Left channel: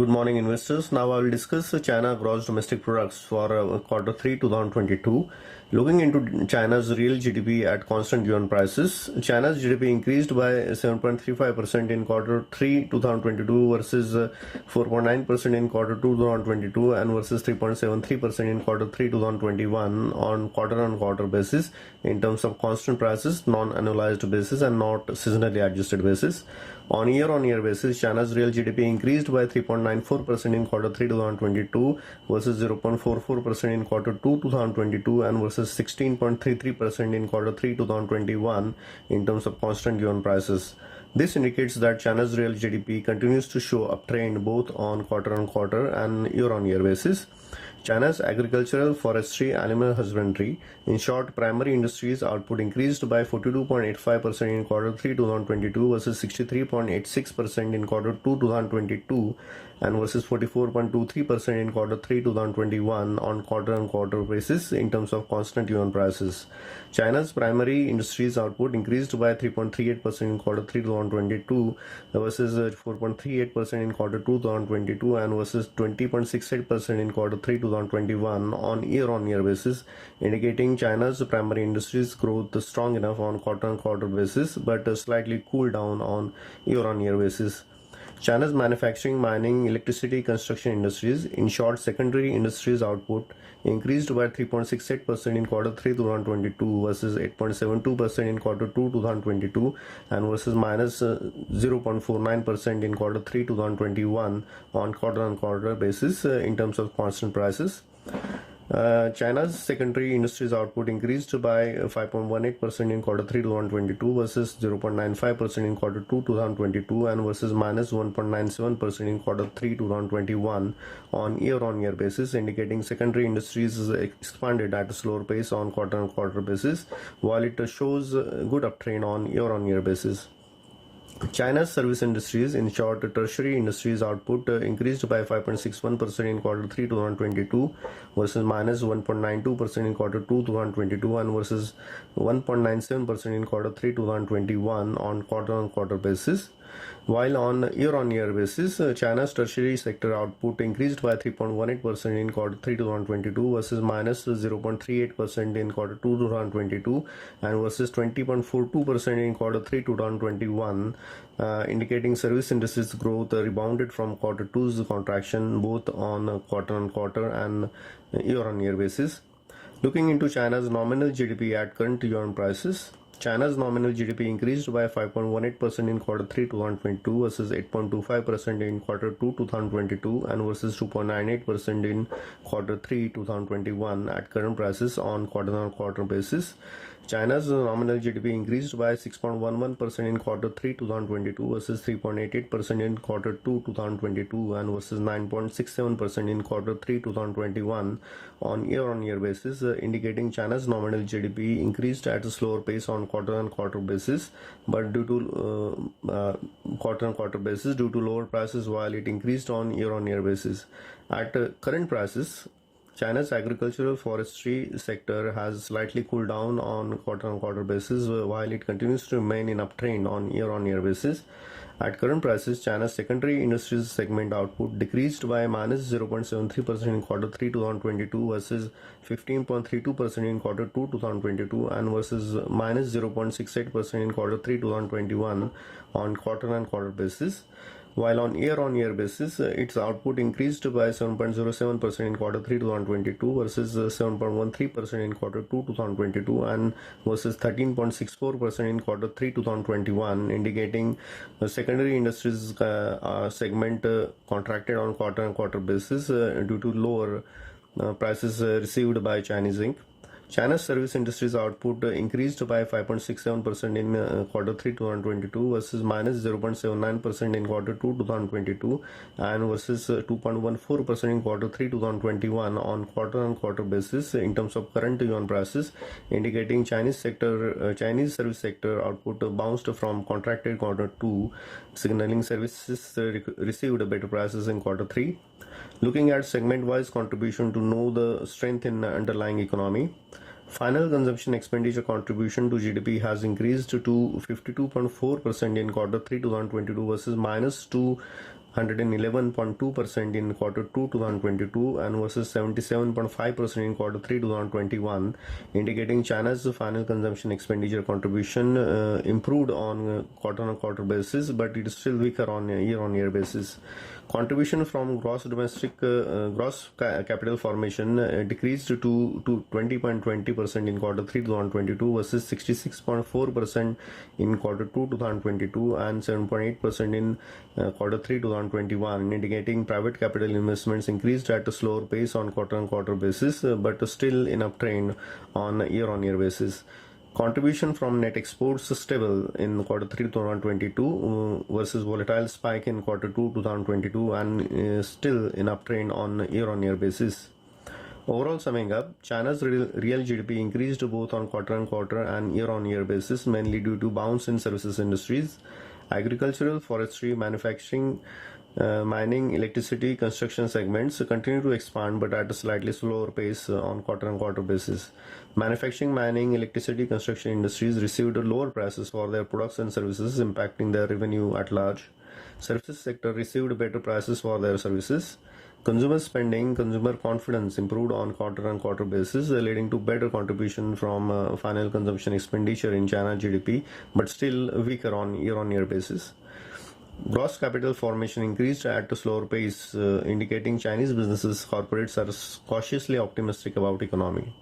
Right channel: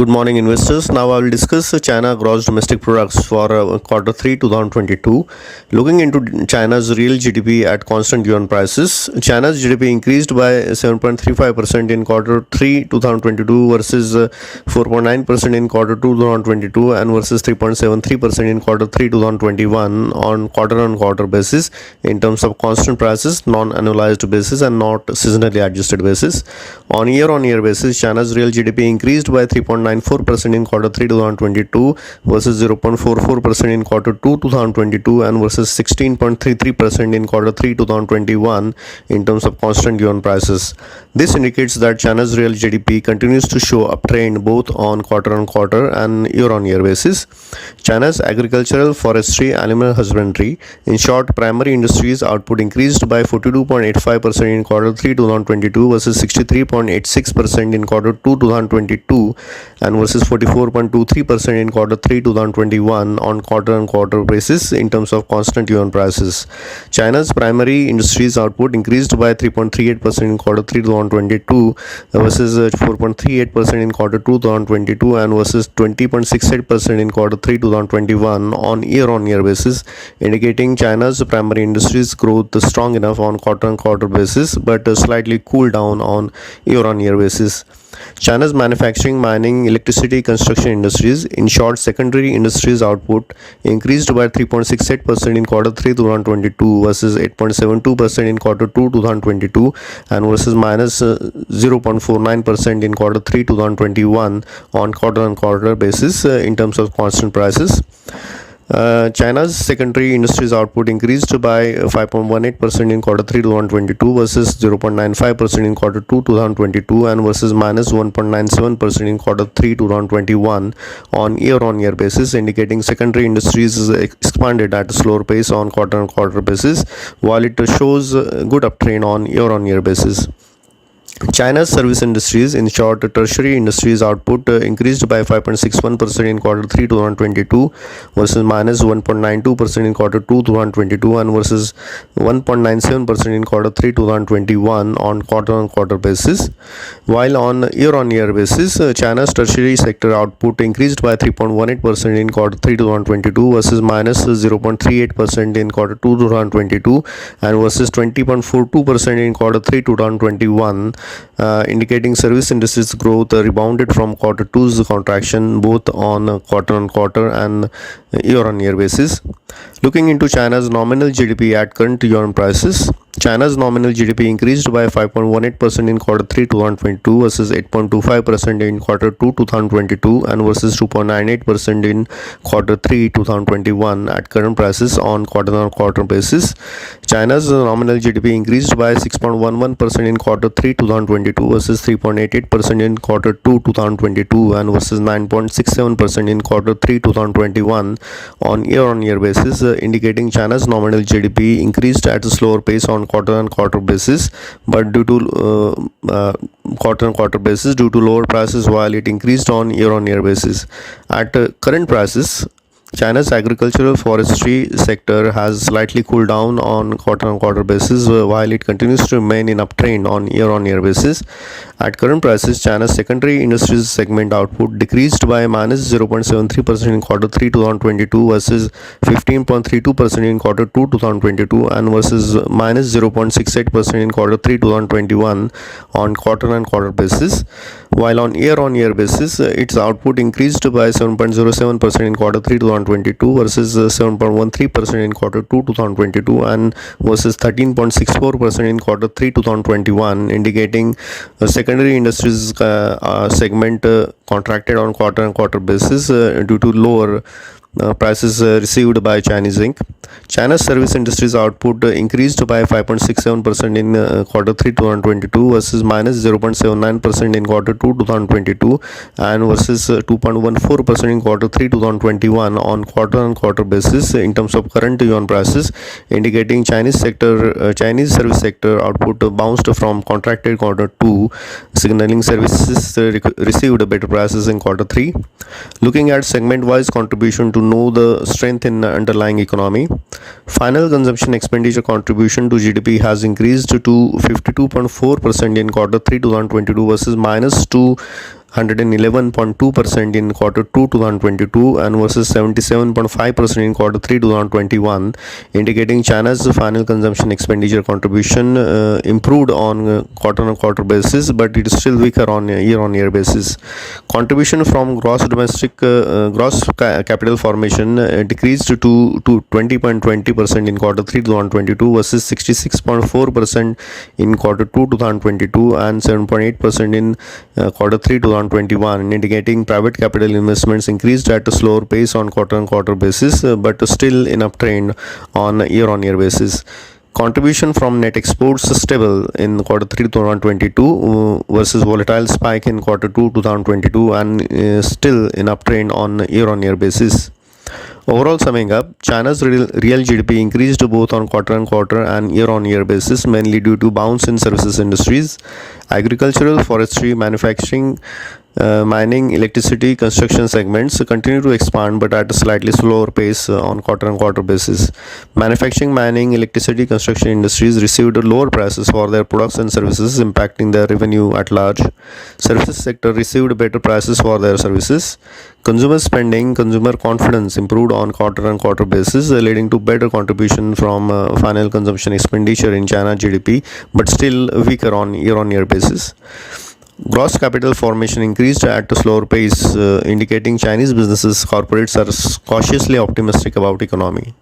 Good morning, investors. Now I will discuss China gross domestic products for quarter 3 2022. Looking into China's real GDP at constant yuan prices, China's GDP increased by 7.35% in quarter 3 2022 versus 4.9% in quarter 2 2022 and versus 3.73% in quarter 3 2021 on quarter basis in terms of constant prices, non-annualized basis and not seasonally adjusted basis. On year basis, China's real GDP increased by 3.94% in quarter 3 2022 versus 0.44% in quarter 2 2022 and versus 16.33% in quarter 3 2021 in terms of constant yuan prices. This indicates that China's real GDP continues to show uptrend both on quarter and year basis. China's agricultural, forestry, animal husbandry, in short, primary industries output increased by 42.85% in quarter 3 2022 versus 63.86% in quarter 2 2022 and versus 44.23% in quarter 3 2021 on quarter basis in terms of constant yuan prices. China's primary industries output increased by 3.38% in quarter 3 2022 versus 4.38% in quarter 2 2022 and versus 20.68% in quarter 3 2021 on year basis, indicating China's primary industries growth strong enough on quarter basis but slightly cooled down on year basis. China's manufacturing, mining, electricity, construction industries, in short, secondary industries output increased by 3.68% in quarter 3 2022 versus 8.72% in quarter 2 2022 and versus minus 0.49% in quarter 3 2021 on quarter basis in terms of constant prices. China's secondary industries output increased by 5.18% in quarter 3 2022 versus 0.95% in quarter 2 2022 and versus minus 1.97% in quarter 3 2021 on year basis, indicating secondary industries expanded at a slower pace on quarter basis while it shows good uptrend on year basis. China's service industries, in short, tertiary industries output increased by 5.61% in quarter 3 2022 versus minus 1.92% in quarter 2 2022 and versus 1.97% in quarter 3 2021 on quarter basis. While on year basis, China's tertiary sector output increased by 3.18% in quarter 3 2022 versus minus 0.38% in quarter 2 2022 and versus 20.42% in quarter 3 2021. Indicating service industries growth rebounded from quarter 2's contraction both on quarter and year basis. Looking into China's nominal GDP at current yuan prices, China's nominal GDP increased by 5.18% in quarter 3 2022 versus 8.25% in quarter 2 2022 and versus 2.98% in quarter 3 2021 at current prices on quarter basis. China's nominal GDP increased by 6.11% in quarter 3 2022 versus 3.88% in quarter 2 2022 and versus 9.67% in quarter 3 2021 on year basis, indicating China's nominal GDP increased at a slower pace on quarter basis but due to quarter basis due to lower prices while it increased on year basis. At current prices, China's agricultural forestry sector has slightly cooled down on quarter basis while it continues to remain in uptrend on year basis. At current prices, China's secondary industries segment output decreased by minus 0.73% in quarter 3 2022 versus 15.32% in quarter 2 2022 and versus minus 0.68% in quarter 3 2021 on quarter basis. While on year basis, its output increased by 7.07% in quarter 3 2022 versus 7.13% in quarter 2 2022 and versus 13.64% in quarter 3 2021, indicating secondary industries segment contracted on quarter basis due to lower prices received by Chinese Inc. China's service industries output increased by 5.67% in quarter 3 2022 versus minus 0.79% in quarter 2 2022 and versus 2.14% in quarter 3 2021 on quarter basis in terms of current yuan prices, indicating Chinese service sector output bounced from contracted quarter 2, signaling services received better prices in quarter 3. Looking at segment wise contribution to know the strength in the underlying economy, final consumption expenditure contribution to GDP has increased to 52.4% in quarter 3 2022 versus minus 111.2% in quarter 2 2022 and versus 77.5% in quarter 3 2021, indicating China's final consumption expenditure contribution improved on quarter-on-quarter basis, but it is still weaker on year-on-year basis. Contribution from capital formation decreased to 20.20% in quarter 3 2022 versus 66.4% in quarter 2 2022 and 7.8% in quarter 3 2021, indicating private capital investments increased at a slower pace on quarter-on-quarter basis, but still in uptrend on year-on-year basis. Contribution from net exports stable in quarter 3 2022 versus volatile spike in quarter 2 2022 and still in uptrend on year-on-year basis. Overall, summing up, China's real GDP increased both on quarter-on-quarter and year-on-year basis, mainly due to bounce in services industries, agricultural, forestry, manufacturing, mining, electricity, construction segments continue to expand but at a slightly slower pace on quarter-on-quarter basis. Manufacturing, mining, electricity, construction industries received lower prices for their products and services, impacting their revenue at large. Services sector received better prices for their services. Consumer spending, consumer confidence improved on quarter-on-quarter basis, leading to better contribution from final consumption expenditure in China GDP, but still weaker on year-on-year basis. Gross capital formation increased at a slower pace, indicating Chinese businesses corporates are cautiously optimistic about economy.